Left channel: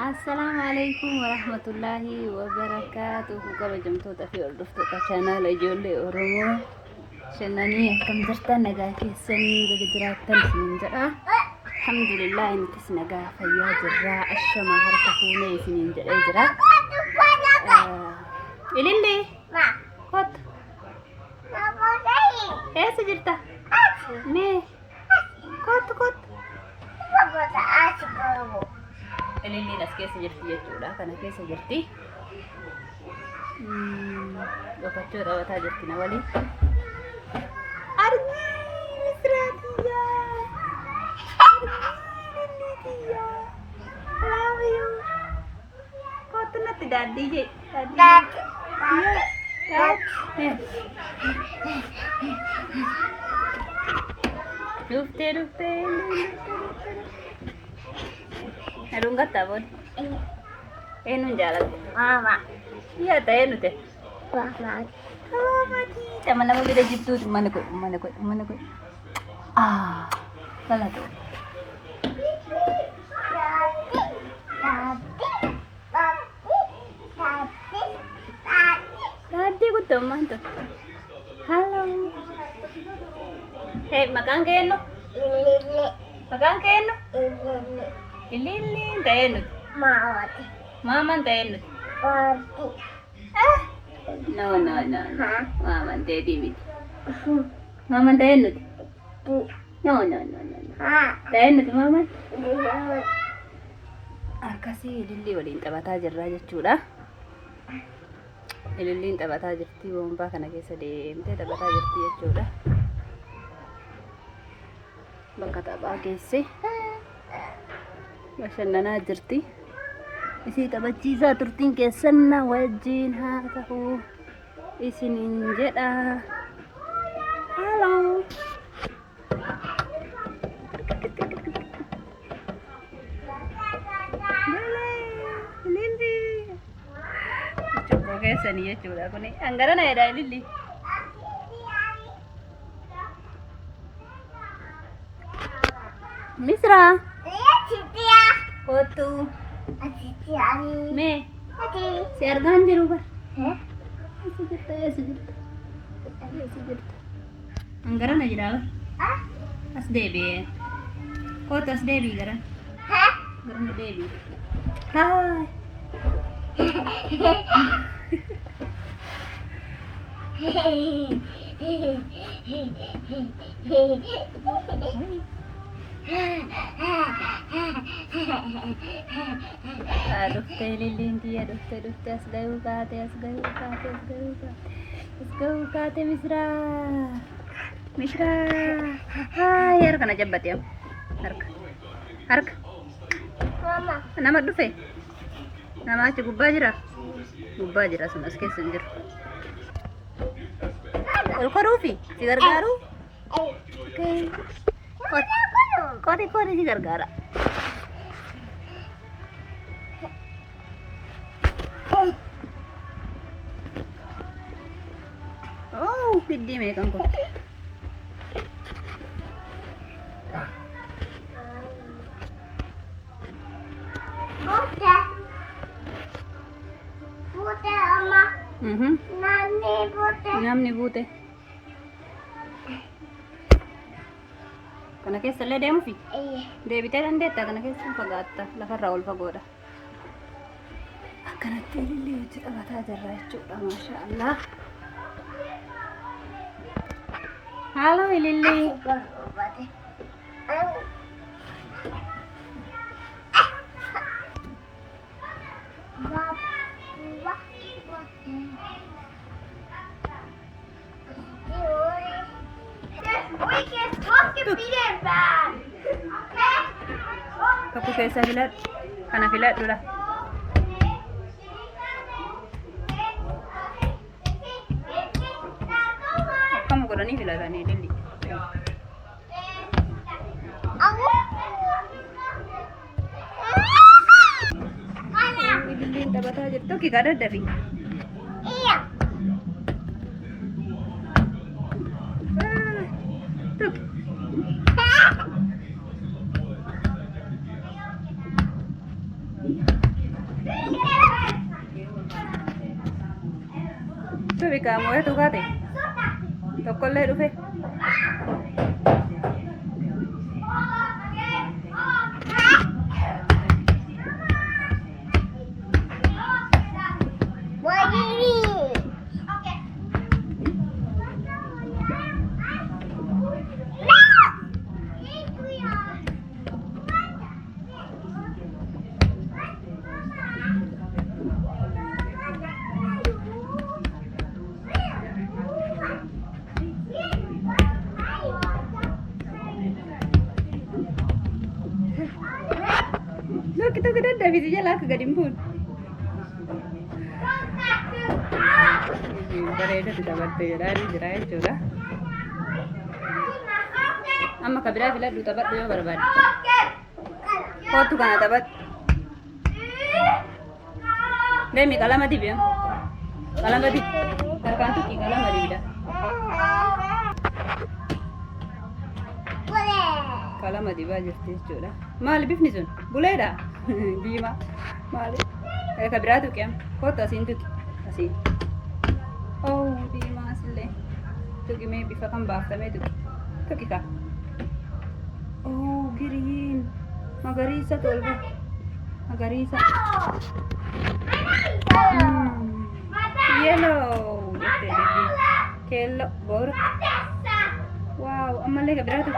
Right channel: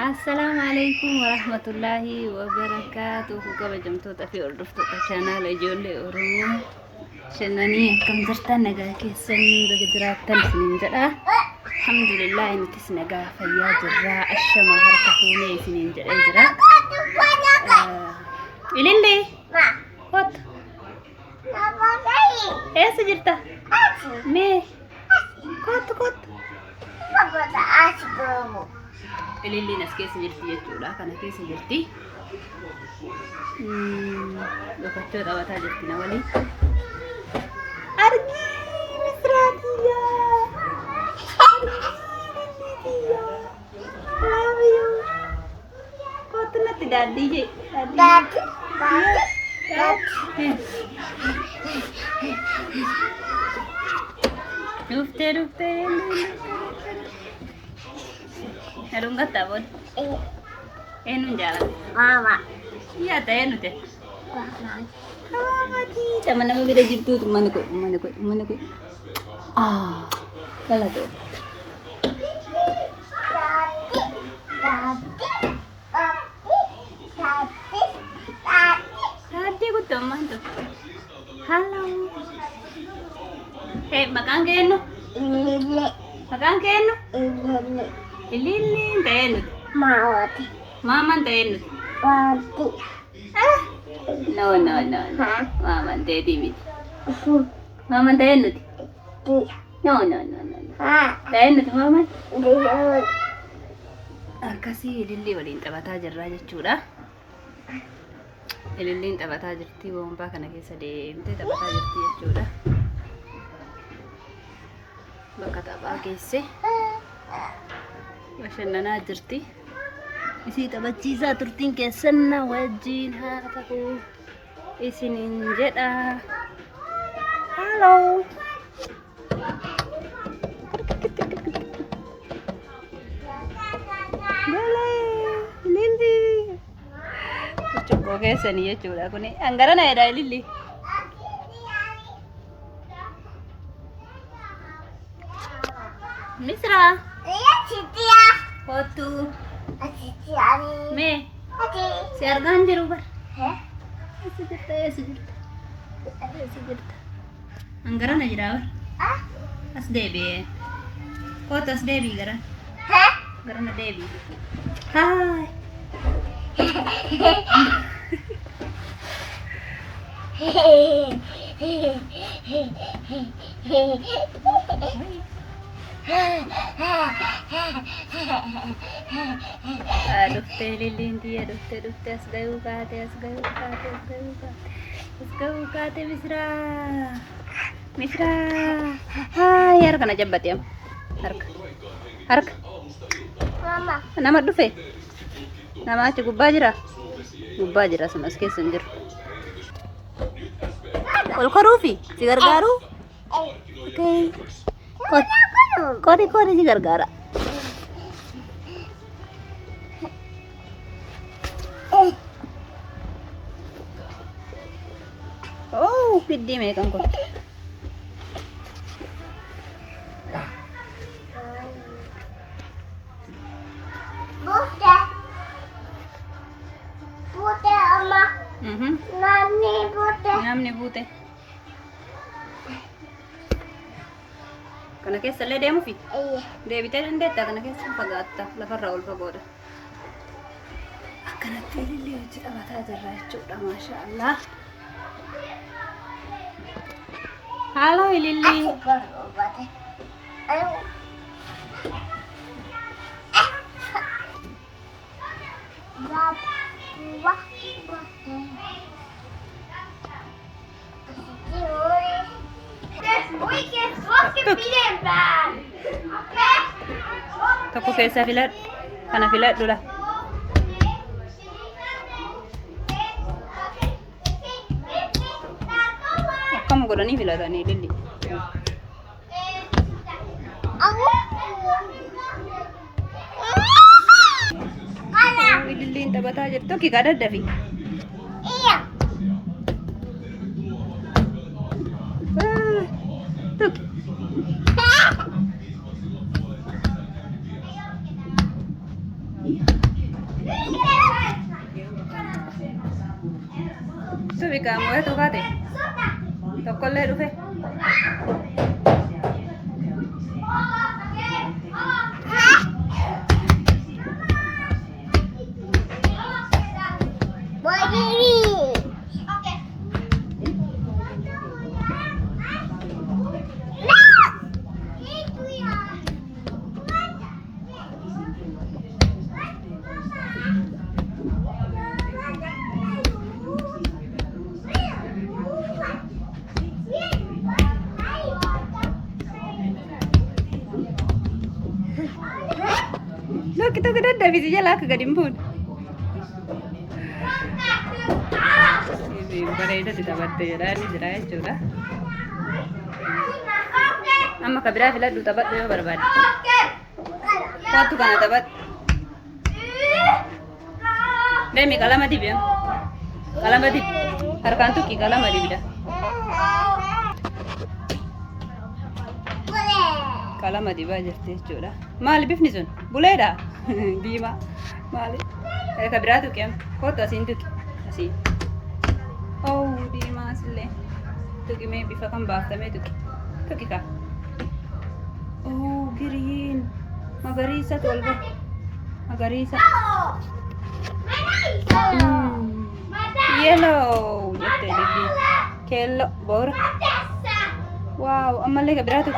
Assalamu alaikum warahmatullahi wabarakatuh. Kabajamtoota fi hordoftoota chaanaala ijoollee Oromoo shannanii akkam jirtan nagaa keessan baga jiraattan isiniin jedha. Alhamdulillah nutis nagaa fayyaa jirra. Ashama harka fuunee isiniin jedhee jira. Ililli kot eessa jirta? Mee kot Ililliin as keessa jirti jechuudha. Kana keessa jirti. Dhokachoo taphataa jirti na waliin. Argii misraatiyyaa. Argii love you. Kootu natti daadhii jee. Dhuftee. Aduun gattaa boon. Eenyuun jaalladha? Mama. Yaa ta'ee nuti. Maatii nama bira jirtuutu mana koo. Galatoo. Taaddee guutuu maantu? Halloo. Maqaan kee eenyu? Maqaan kee eenyu? Ililliin ta'ee nuti. Maawati. Maamaan ta'ee nuti. Waati. No. Maamaan ta'ee miti. Maamaan ta'ee nuti. No. Ta'ee nuti maamaan. Akkasii ilillii waliin taphataa jirra jechuudha. Ililliin taphataa jirti. Boonbaa kana keessa deemtee taphataa jirti jechuudha. Bakka taphaa geesse. Bashannanaa jirti. Isii taphachiisaa turtiin keessan wajjin haa ta'u isiniin jedha. Halloo. Lilli. Cuqqoo keessanii jechuudha kuni. Hangarana jedha Lilli. Misra. Kootu. Mee si argaan jiru bar. Eessa jirta? Hangarana jira bar. As deebi'ee. Kootu as deebii gara. Garana deebii. Haay. Dhuftee Lilliin tiyya dhuftee as gahuu kaate Misraa. Harka na jabbatee harka. Mama. Nama dhufe. Nama achi gubbaa jira sun as keessa hin jiru. Ol koruufi si gargaaru? Kori si gargaara. Oh, biddi meeqan kun? Buute amma. Namni buute. Kana keessa illee deemuufi? Deebitee dandeetta kana keessa fagaatta lafarraa ol fagoodha. Akkanatti ilillee hojii taphataa jirra jechuudha maashaallah. Halloo ilillee. Tokko keessaa filadhu. Kana filadhudha. Akkam godhanii filatanii Lilli. Lilliin taphataa jirtu tokki kaa daddafi. Tokki. bikamu itu kate. Tokolle dhufe. Look, itu gede dah visinya lah kegadimpun. Ini berada di tempat terjadi jerai sudah. Amma kabira filat du tabat dia berbad. Kau tu kan tabat. Demi kalamati biam. Kalamati. Harkan tu ki kalamati bida. Kalamati baja stage sudah. Mal bifni sun. Buleda. Bima. Mal. Kabira tu kiam. Kau tu asin tu asin. Oh, Bima sile. Tu ki me bifa kan bafta me tu. Tu ki ka. Oh, green. Magarisa tolba. Magarisa. Yellow. Jette lili. Kello bor. Wow, amalle kabira tu.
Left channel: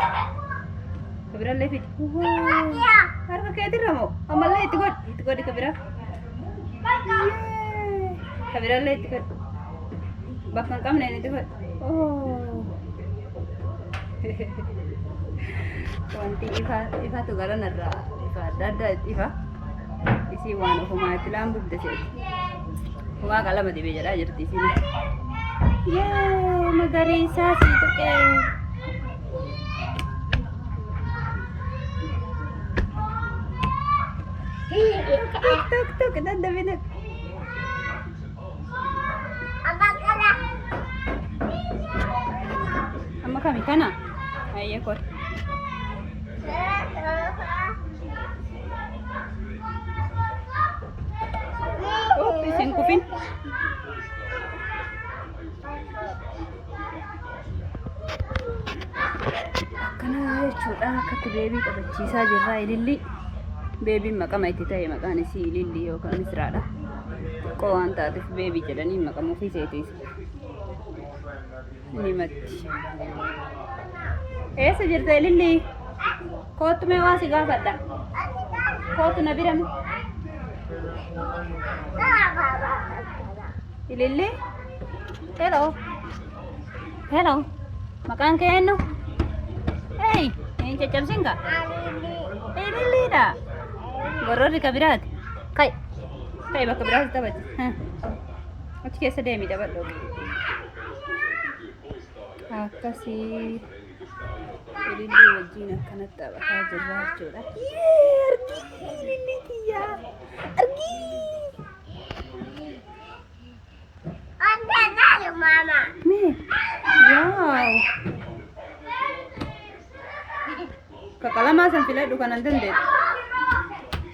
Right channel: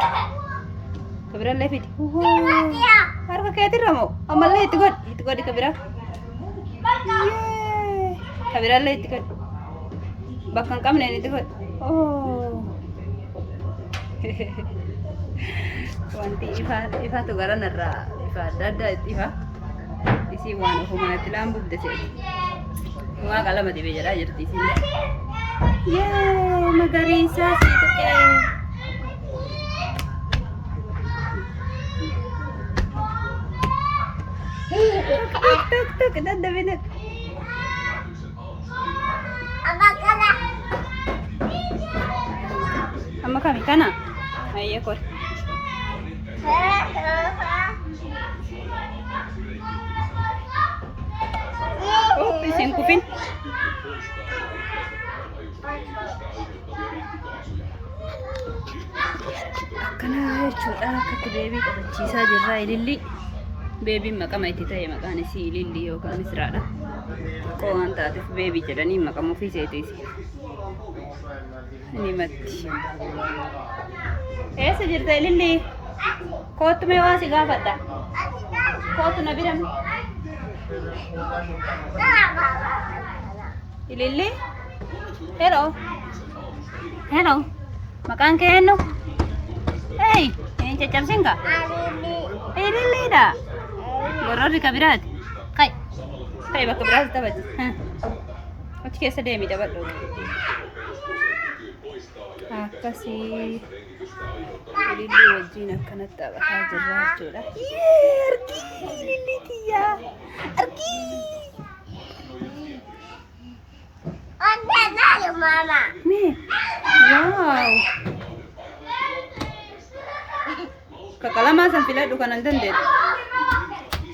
Kabira lefit. Wow. Harga kaya tiramo. Amalle itu god di kabira. Yay. Kabira le itu god. Bakang kam ne itu god. Oh. Wanti ifa tu garan narra ifa dada ifa isi wano huma itlam buk dese huma kala madi bejara jirti sini ye magarisa situ ke tuk dada benet amma kami kana ayye kor oh, isin kufin. Akkana jechuudha akkatti beebii taphachiisaa jirra ililli. Beebiin maqama itti ta'e maqaan isii ililli yookaan misiraadha. Xiqqoo waan taateef beebii jedhanii maqama ofii seetiisi. Ni matti. Eessa jirta ililli? Kootu mee waa si gaafadha. Kootu na birame. Ililli? Hello. Hello. Maqaan kee eenyu? Hey, hin caccabsin ka? Ililli dha. Gororri ka biraati. Kai bakka biraati taphati. Achi keessa deemi taphadhu. Akkasii. Ililli wajjin akkanatti taphataa jirra jechuudha. Argii ililli kiyyaa. Argii. Mama. Me. Wow. Kakalamaa san filadhu kanan dandeettu.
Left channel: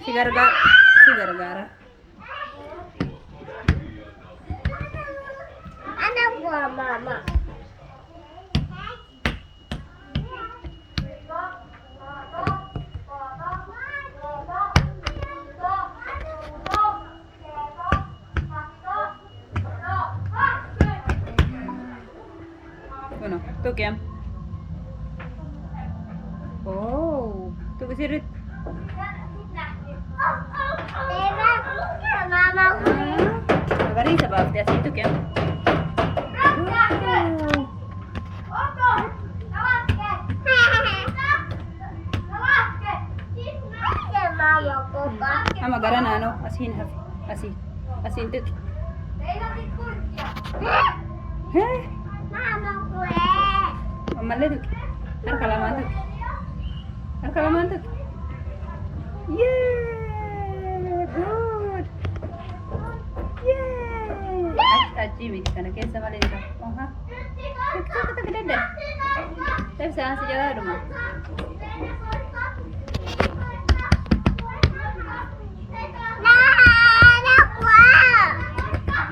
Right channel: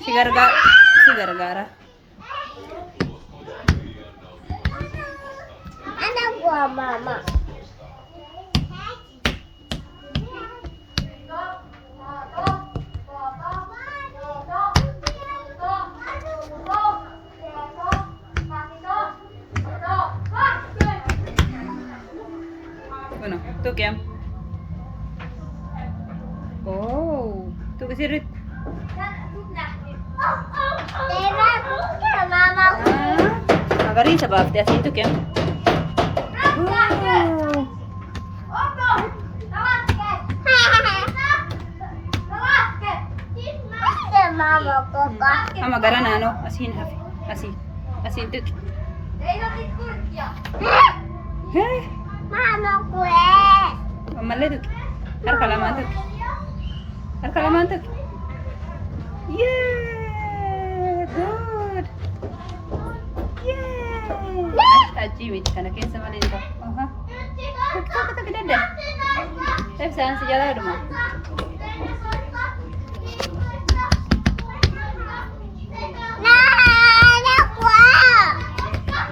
Si gargaara. Anak gua mama. Bueno, tu kiam. Oh, tu kesirit. Mama. Magarisa baafte asin tu kiam. Mama papa. Ama garan ano asin hafi. Asin tu. Heh. Mama kue. Amalle tu. Har kalaman tu. Yeah, good. Yeah. Aji miti kana keessa malee jira. Aha. Tokko gidadda. Tapi sana sejalan rumah.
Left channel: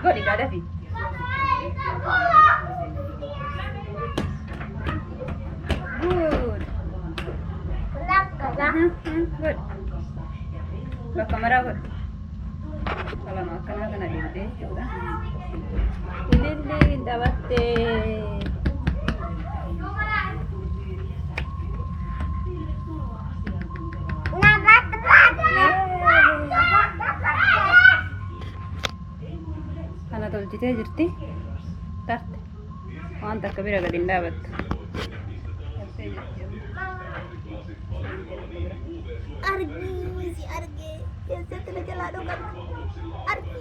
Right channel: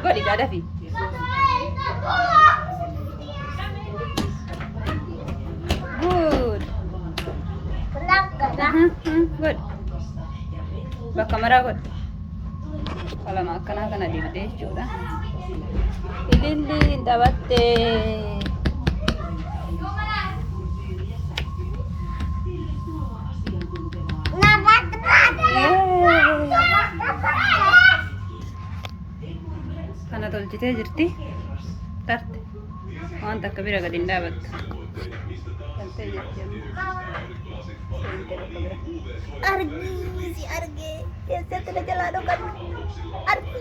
Gua di ada fi. God. Bakka maraa godhe. Qalama akkanaa kana dibdee jechuudha. Ililliin taphattee. Kana tolchitee jirti. Tarte. Waan takka bira gadi hin dhaabattu. Argi si argi. Keessatti na jalaa dhokatu. Argi.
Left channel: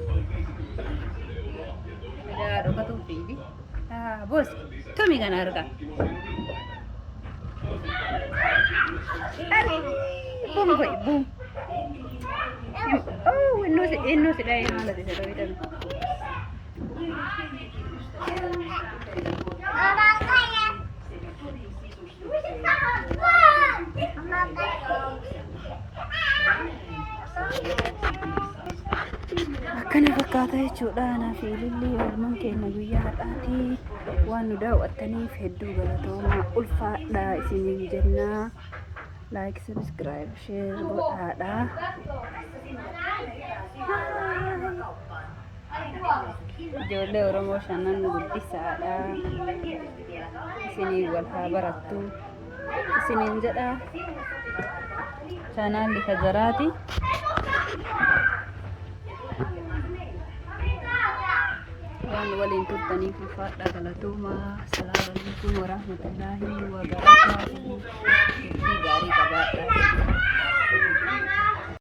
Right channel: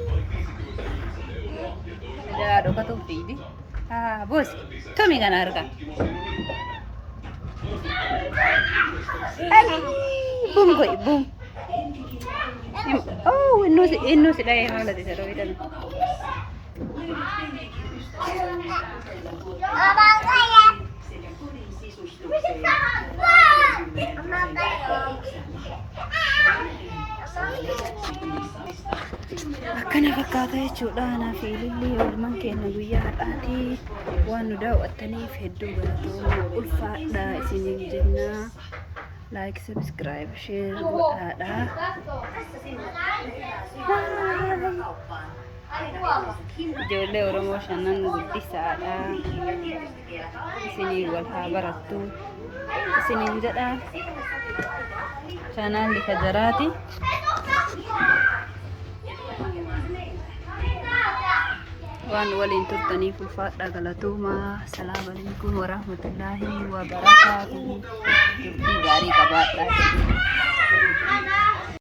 Na jalaa dhokatu fiidi. Boosi. Tomi kana argaa. Boom boy boom. Oh, innu si dhahee haala isa dhoo hidhame. Akkana fakkaata jechuudha. Anaa fi Ilillii oolmaan keenya guyyaa har'aatii waan nu daawwattaniif hedduu galatoomaa ulfaadhaa isiniin jennaa. Like, subscribe, share godhaadha. Ijoollee Oromoo shanan guddisaadha. Isinii wal haa barattu isiniin jedha. Chaanaalli Fajaraati. Waan waliin turtaniif ulfaadhaa galatoomaa. Assalaamu alaikum warahmatullaahi wabarakaatuh. Turtii gaarii qabaadhaa.